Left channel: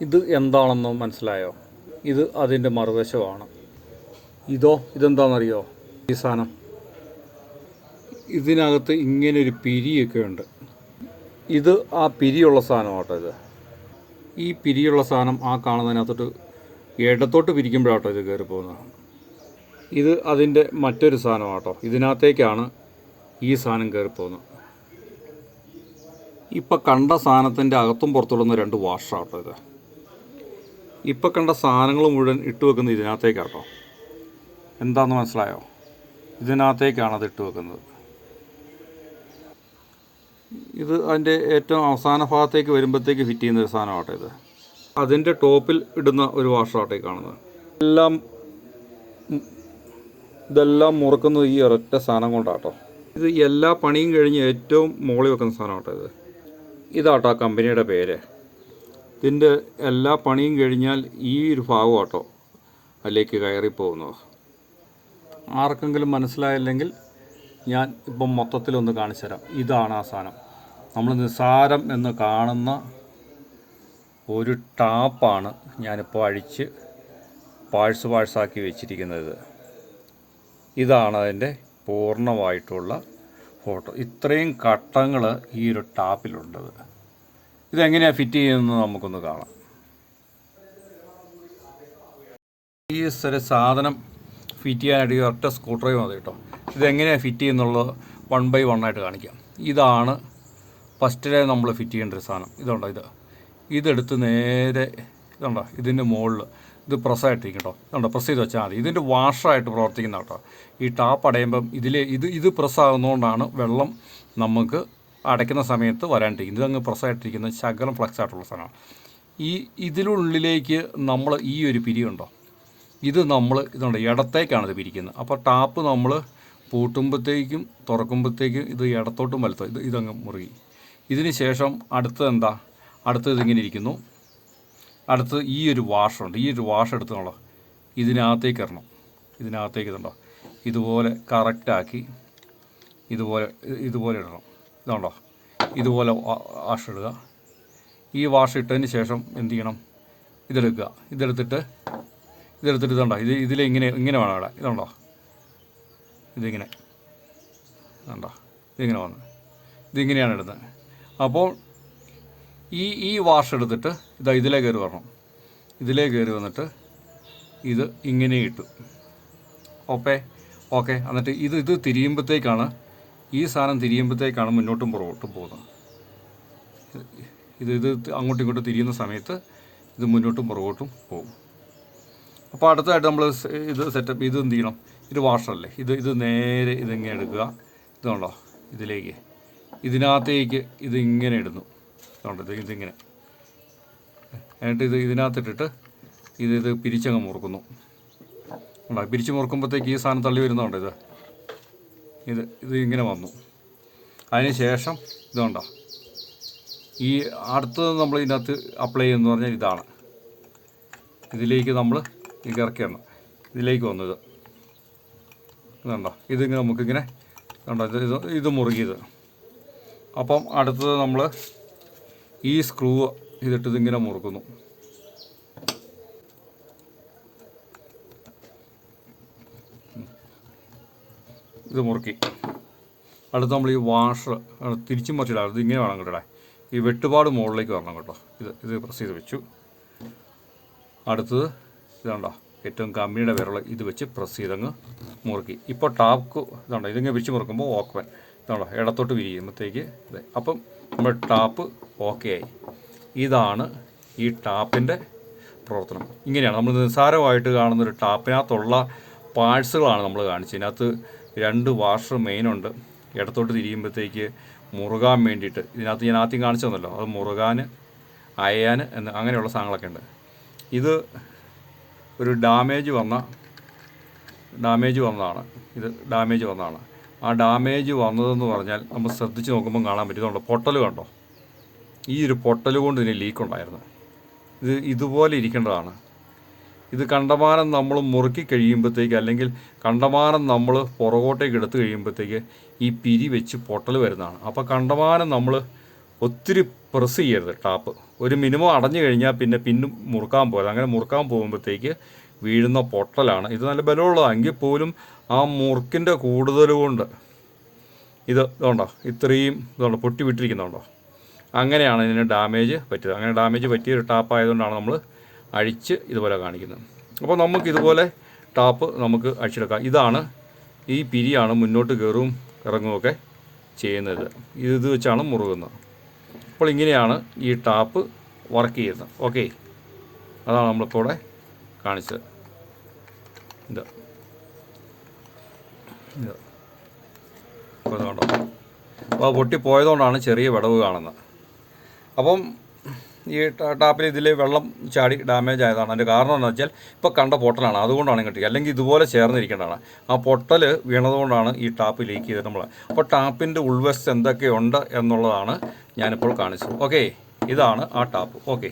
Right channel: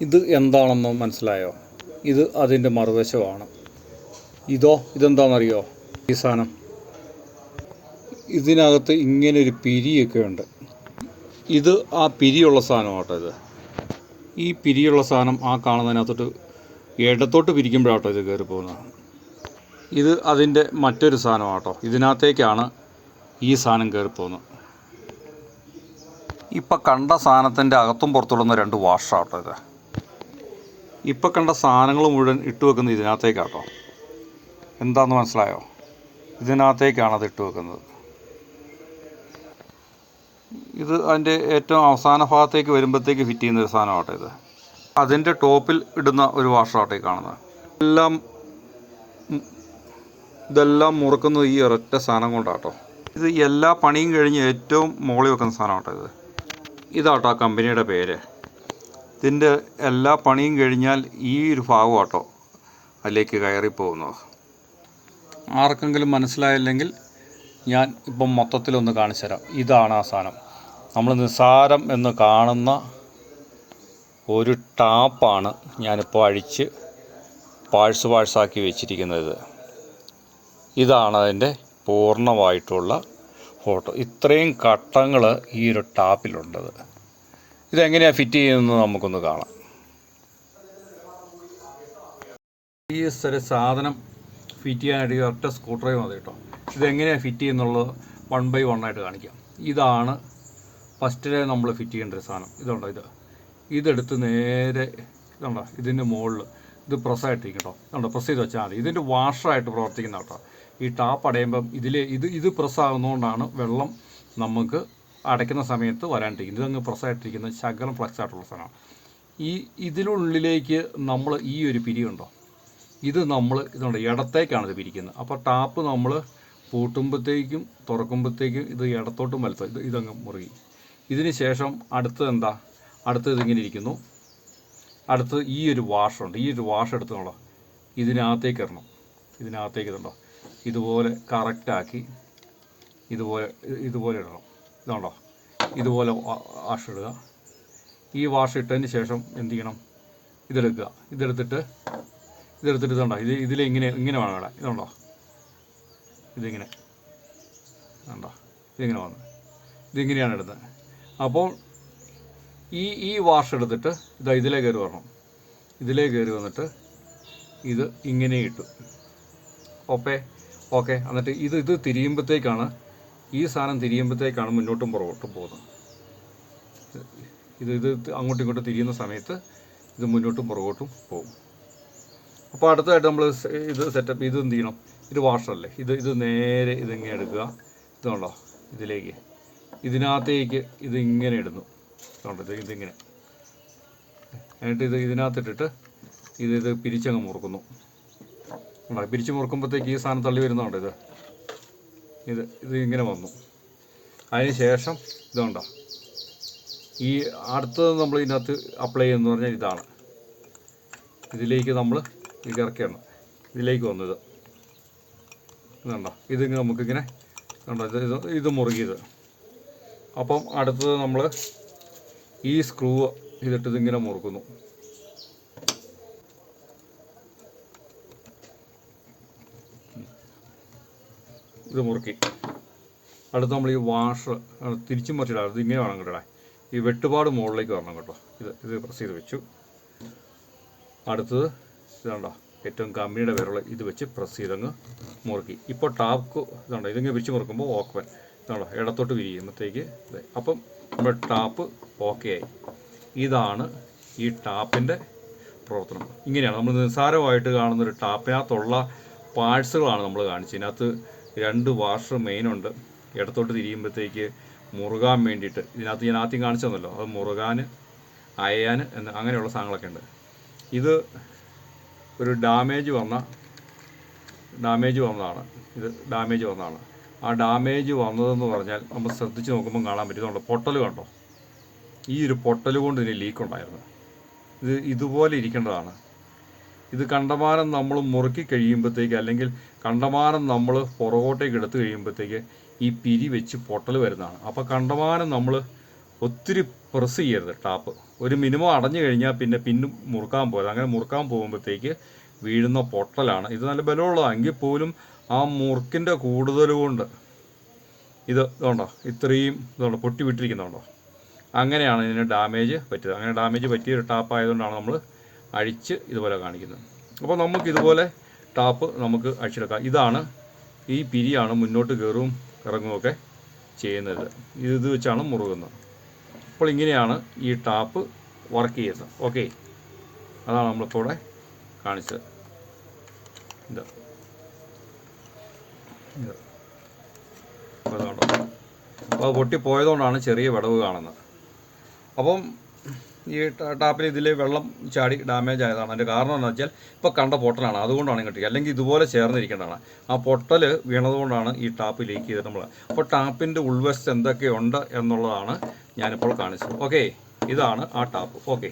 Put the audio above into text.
ഇത് എന്താണെന്ന് മനസ്സിലായോ? ഇത് അതിന്റെ മറുവശമാണ്. ഇതോ ഇതെന്താണെന്നറിയോ? ഈ സാധനം. ഇതിനകത്ത് ഇങ്ങനെ ഒരു പിരിയൊക്കെ ഉണ്ട്. ഇത് ആ പിരിയുള്ള സാധനമാട്ടോ ഇത്. ഈ പിരിയുള്ള സാധനം ആ കാണുന്നതിനകത്തോട്ട് ഇടത്തോട്ട് പിരിക്കുമ്പോഴാട്ടോ ഇത് കയറി പോകുന്നത്. ഇത് അതിന്റെ മറ്റൊരു സാധനമാട്ടോ. ഇതിനകത്തേക്കാണ് ഈ സാധനം കയറി പോകുന്നത്. ഇപ്പം കണ്ട സാധനത്തിന്റെ അകത്തും പുറത്തുള്ള രണ്ട് വാഷാട്ടോ ഇത്. ഇപ്പം കണ്ട സാധനങ്ങൾ മുഴുവൻ ഇട്ട് വെക്കുന്നത് ഇതിനകത്തേക്കാട്ടോ. എന്താണെന്ന് മനസ്സിലായോ? ഇതിനകത്തേക്കാണ് അത് ഇട്ട് വെക്കുന്നത്. ഇത് അതിന്റെ ഏറ്റവും അവസാന ഭാഗത്തേക്ക് വരുമ്പോഴത്തേക്ക് ഫിറ്റ് ചെയ്യുന്ന ഒരു സാധനമാട്ടോ ഇത്. അതിന്റെ ടോപ്പിൽ ഇടുന്ന ഒരു വാഷറാട്ടോ ഈ കാണുന്നത്. എല്ലാം ഇതെല്ലാം മുറുക്കുന്നത് ഈ ഒരൊറ്റ സാധനം കൊണ്ടാട്ടോ. ഇത് എല്ലാ പണിയും കഴിഞ്ഞ് ഏറ്റവും മോളി വെക്കുന്ന സാധനമാട്ടോ ഇത്. ഇതാട്ടോ ആ കമ്പനിയുടെ പേര്. ഇതിന്റെ എല്ലാ പണിയും കഴിഞ്ഞാൽ ഈ ഒരു ഭാഗം കേട്ടോ അതിലേക്ക് കയറി പോകുന്നത് ആർക്കെങ്കിലും മനസ്സിലായില്ലെങ്കിൽ ഞാൻ ഇപ്പം മൊത്തത്തിലൊന്ന് കാണിച്ചു തരാം. ഇതാണ് ആ സാധനം. നമ്മൾ നിസ്സാരം എന്ന് കാണുന്ന ഒരു ടാപ്പാണ് ഞാനിപ്പോൾ അഴിച്ച് പാഴ്സ് പാഴ്സാക്കി വെച്ചിരിക്കുന്നത്. ഇതാണ് അതിന്റെ പൂർണമായിട്ടുള്ള ഫോട്ടോ. ഇത്രയും ഘട്ടങ്ങൾ ഈ ഒരു ടാപ്പിലുണ്ടത്. ഇതെങ്ങനെയാണ് ഫിറ്റ് ചെയ്യുന്നത് നമുക്കൊന്ന് കാണാം. ഈ ഒരു സാധനം ഫിറ്റ് ചെയ്യാനായിട്ട് ഈ ഒറ്റ സ്ക്രൂ ഡ്രൈവ് മതി കേട്ടോ. ഇതെങ്ങനെയാണ് ഫിറ്റ് ചെയ്യുന്നുള്ളത് വൺ ബൈ വൺ ആയിട്ട് കാണിക്കാം. ഇതാണ് ഫസ്റ്റിലെ നമ്മൾ ഫിറ്റ് ചെയ്യേണ്ട ഒരു സാധനം. ഇതുണ്ടോ ഇത്? ഇതെടുത്ത് നേരെ ഇതുണ്ടോ ഇതിന്റെ മുകളിൽ ഇത് പ്രസ്സായിട്ടിരിക്കും കേട്ടോ. ഇതുണ്ടോ പ്രസ് ചെയ്ത് വെച്ചാൽ മതി. ഇതിന്റെ വാഷറായിട്ട് പ്രവർത്തിക്കുന്ന കേട്ടോ. ഈ ടാപ്പ് അടയുമ്പം ഇതിൽ ഇത് ഇത് പ്രസ് ആകുന്നതുകൊണ്ടാണ് വെള്ളം നമുക്ക് അടയ്ക്കുന്ന സമയത്ത് വരാണ്ടിരിക്കും. ഇതങ്ങ് പ്രസായിട്ടിരിക്കുന്ന ശകലം ഫ്ലക്സ് ആയിട്ടുള്ള സാധനമാണ്. ഈ ഇതിനുള്ളിലേക്ക് നമ്മൾ ഈ ഒരു പിരിയുണ്ടോ ഇത് നമ്മൾ ഇതുണ്ട്. ഇടത്തേക്കാണ് ഇത് പിരിക്കുന്നത്. അപ്പോൾ ടാപ്പ് നമ്മൾ പൂട്ടുമ്പോഴത്തേക്കും തുറക്കുമ്പോഴത്തേക്കും ഇത് ഇടത്തോട്ടും വലത്ത് ഇത് ഇതങ്ങ് മുറുകി. ഇതിന് ശേഷം അടുത്തത് എന്താ? അടുത്തത് ഇതിങ്ങനെ ഇരിക്കുന്നു. അടുത്ത് ഈ ഒരു വാഷുണ്ട് ഈ ഒരു വാഷ് എടുത്തുള്ള ഇതിനകത്തേക്ക് ഇടണം ഇതിനകത്തേക്ക് ഇതുണ്ടോ? ഇതുപോലെ കറക്റ്റാക്കി ഇതുപോലെ ഇതുപോലെ ഇടണം. ഇതുണ്ടോ? ഇതുപോലെ വാഷ് ഈ വാഷ് ഇട്ടതിന് ശേഷം എന്ത് ചെയ്യണം? ഇതെടുക്കുക. ഇതെടുത്തിട്ട് ഇതെടുത്തിട്ട് ഇതുണ്ടോ? ഇത് ഇതിൽ ഇങ്ങനെ ഇങ്ങനെ വേണം ഇവിടെ. ഇതുണ്ടോ? ഇതിങ്ങനെ. ഉണ്ടോ ഇതിങ്ങനെ വന്ന്. ഇതിങ്ങനെയാണ് ഇടുന്നത്. അപ്പോൾ ഈ ഈ വാഷ് എടുത്തിട്ട് ഇതാ ഇതിലേ കയറി വരണം. ഇതിലേ കയറി വന്നിട്ട് ഇത് ഇങ്ങനെ ഇട്ടു. ഓക്കെ? ഓക്കെ. എന്നിട്ട് ഇത് ഇത് തിരിയുമ്പോഴത്തേക്കാണ് ഈ സാധനം തിരിയുമ്പോഴത്തേക്കാണ് മുന്നോട്ടും പുറകോട്ടും പോകുന്നത്. ഇത് ഇത് അങ്ങോട്ടും ഇങ്ങോട്ടും തിരിയുന്ന സമയത്ത് ഇത് മുന്നോട്ടും പുറകോട്ടും പോകും. അപ്പോൾ അടുത്തതായിട്ട് നമ്മൾ ഇത് സെറ്റപ്പ് ഇത് എന്ത് ചെയ്യണം? ഇത് വാഷറല്ലേ ഇത് ഇത് നേരെ ഇതിങ്ങനെ എടുക്കുക. ഇതുണ്ടോ ഇതിലേക്ക്. ഇതിനകത്തേക്ക് ഇതിങ്ങനെ ഇടുന്നു. ഇതുണ്ട് ഇത് ഇതിങ്ങനെ എന്നിട്ട് ഇത് ഇതിനകത്തിട്ടിട്ട് ഇത് ഇത് പിരിച്ചങ്ങ് മുറുക്കുന്നു. പിരിച്ച് മുറുക്കുമ്പോഴത്തേക്ക് ഈ സാധനം തള്ളി വരുന്നുണ്ട് ഇത്? ഇത് ഇത് ഇങ്ങനെ വന്നു. അതിന് ശേഷം ഇതുണ്ടോ? ഈ അടുത്തത് നമ്മൾ ഇതിനകത്ത് അപ്ലൈ ചെയ്യുന്നത് പറഞ്ഞാൽ ഇതാണ്. ഇതിലേക്ക് നമ്മൾ ഇറക്കിയാണ്. ഇതിലേക്ക് വന്നത്. ഇതുണ്ടോ? ഇതിങ്ങനെ നമുക്കിങ്ങനെ കണ്ടോ ഇത് ഇത് മുറുകിയത്. അപ്പം അടുത്തത് നമ്മൾ ഈ സ്ക്രൂ ഇതിട്ട് ഇതിങ്ങനെ മുറുക്കുന്നു. ഇത് മുറുക്കി. അടുത്ത് നമ്മൾ ഈ വാഷർ തിരിച്ചു മറിച്ചിടാം. ഇത് ഇങ്ങനെ വേണം കേട്ടോ ഈ വെട്ടുപാട് മുകളിലേക്ക് വരണം കേട്ടോ. ഇത് ഇത് പ്രസ് ചെയ്ത് വെച്ചു. അടുത്തത് ഇതാണ്ടോ ഏറ്റവും കമ്പിയുടെ വിരൽ ഇത് വെച്ച് പ്രസ് ചെയ്തങ്ങ് മുറുക്കി. ഇപ്പോൾ ടാപ്പ് ഇതാണ്ടോ ഇതിങ്ങനെ വെച്ച് മുറുക്കുമ്പോൾ ഓക്കവൻ ഇതാണ്ടോ ഇടത്തോട്ട് വിരിയുമ്പോഴത്തേക്ക് ഇത്. അപ്പം നമ്മുടെ ടാപ്പ് ഓക്കെ ആയി. ഇതാണ് ഈ ടാപ്പിന്റെ പ്രവർത്തനം. ഇങ്ങനെയാണ്. നമ്മൾ നിസ്സാരമായിട്ട് കാണുന്നൊരു ടാപ്പിനകത്തുള്ള പാഴ്സുകളാണ് നമ്മൾ കാണിച്ചത്. ഇതിനകത്ത് രണ്ട് വാഷർ മെയിനുണ്ട് ഇടത്തോട്ട് തിരിയുമ്പോഴത്തേക്ക് മുറുകാൻ വേണ്ടിയിട്ട് ഇതിനകത്ത് ഞാൻ ആദ്യം കാണിച്ചു തന്നല്ലോ. അത് മുറുകാൻ അയയാൻ എന്ന് അങ്ങനെയുള്ള സാധനങ്ങളൊക്കെ ഉണ്ട്. ഇത് ഒരു ഡാമേജ് വന്ന ഡാമേജ് വന്നതാണ്. ഇത് ഡാമേജ് വന്നതാണ്. ആ ഡാമേജ് വന്നതെന്ന് പറഞ്ഞാൽ നമ്മൾ ശ്രദ്ധിച്ച് നോക്കുമ്പോൾ കാണാൻ പറ്റുന്നുണ്ടോ പൊട്ടൽ കണ്ടോ? ഈ ഒരു പൊട്ടൽ കൊണ്ട് ഇതിന് ലീക്ക് ഉണ്ടായിരുന്നു. ഇത് ഇതുപോലെ ഇരിക്കേണ്ടതാണ്. ഇത് കണ്ടമാനം നമ്മൾ മുറുക്കി കഴിയുമ്പോഴത്തേക്ക് അല്ലെങ്കിൽ കണ്ടമാനം നമ്മൾ പുറകോട്ടേക്ക് എടുത്തു കഴിയുമ്പോഴത്തേക്ക് ഈ പിരി വെച്ച് പൊട്ടൽ വരുന്നതാണ്. അപ്പോൾ കണ്ടമാനം നമ്മൾ ഒത്തിരി പ്രസ് ചെയ്യരുത് ടാപ്പ് ഒരു മിനിമം അടഞ്ഞു കഴിഞ്ഞാൽ പിന്നെ പിന്നും മുറുക്കാൻ പോകരുത് അങ്ങനെ മുറുക്കാൻ പോകുമ്പോഴത്തേക്ക് വീഴുന്ന പൊട്ടലാണ്. ഇത് നല്ല ബലമുള്ളതാണ് എങ്കിൽ പോലും ആ മുറുക്കിന്റെ കൂടുതൽ കൊണ്ട് ഇത് ഇതുണ്ടോ? ഇത്രയും ഇതുണ്ടോ? പൊട്ടി വിട്ടിരിക്കുന്നുണ്ടോ? അങ്ങനെയാണ് ഇതിന് ഡാമേജ് പറ്റിയത്. അങ്ങനെ ഡാമേജ് പറ്റിയ ഒരു ടാപ്പ് ആയതുകൊണ്ടാണ് നമ്മൾ അഴിച്ച് ഇതുപോലെ കാണിക്കുന്നു. അപ്പോൾ നമുക്ക് ഇതുപോലെ ടാപ്പ് നമുക്ക് അഴിച്ചെടുക്കാം. ഇതാണ് ഈ പിരിയാണ് മുന്നോട്ട് കയറും ഇറങ്ങുമൊക്കെ ചെയ്യുന്നത്. ഇത് ഇത് വെച്ചാണ് മുറുകുന്നത്. അപ്പോൾ ഇങ്ങനെയാണ് ഈ ടാപ്പ് വർക്ക് ചെയ്യുന്നത്. ഓക്കെ അതാണ് നമ്മളിപ്പോൾ ഇവിടെ കാണിച്ചത്. ഇത്. അപ്പോൾ പൊട്ടിപ്പോയതുകൊണ്ടാണ് ചെറിയ വിടവ് കാണുന്നത്. അപ്പം ഈ ടാപ്പിൽ ഇതിൽ വെള്ളം ചാടി ഡാമേജ് ആയതാണ്. അതിന്റെ കാരണം എന്താണെന്ന് വെച്ചാൽ ഇപ്പോൾ കണ്ട പൊട്ടലാണ്. അതുകൊണ്ടാണ് കിട്ടിയത് അല്ലെങ്കിൽ ഇതുപോലെ ചേർന്നിരിക്കേണ്ടതാണ്. ആ പൊട്ടൽ വീണതുകൊണ്ടാണ് ഈ ടാപ്പ് ലീക്ക് ചെയ്തത് നമ്മൾ അപ്പോൾ ടാപ്പിന്റെ ഉൾവശത്ത് എന്തൊക്കെയുണ്ട് എന്നുള്ളതാണ് ഞാനിപ്പോൾ കാണിച്ചത്. ഓക്കെ? ഇതാണ് ആ ടാപ്പ്. ഓക്കെ?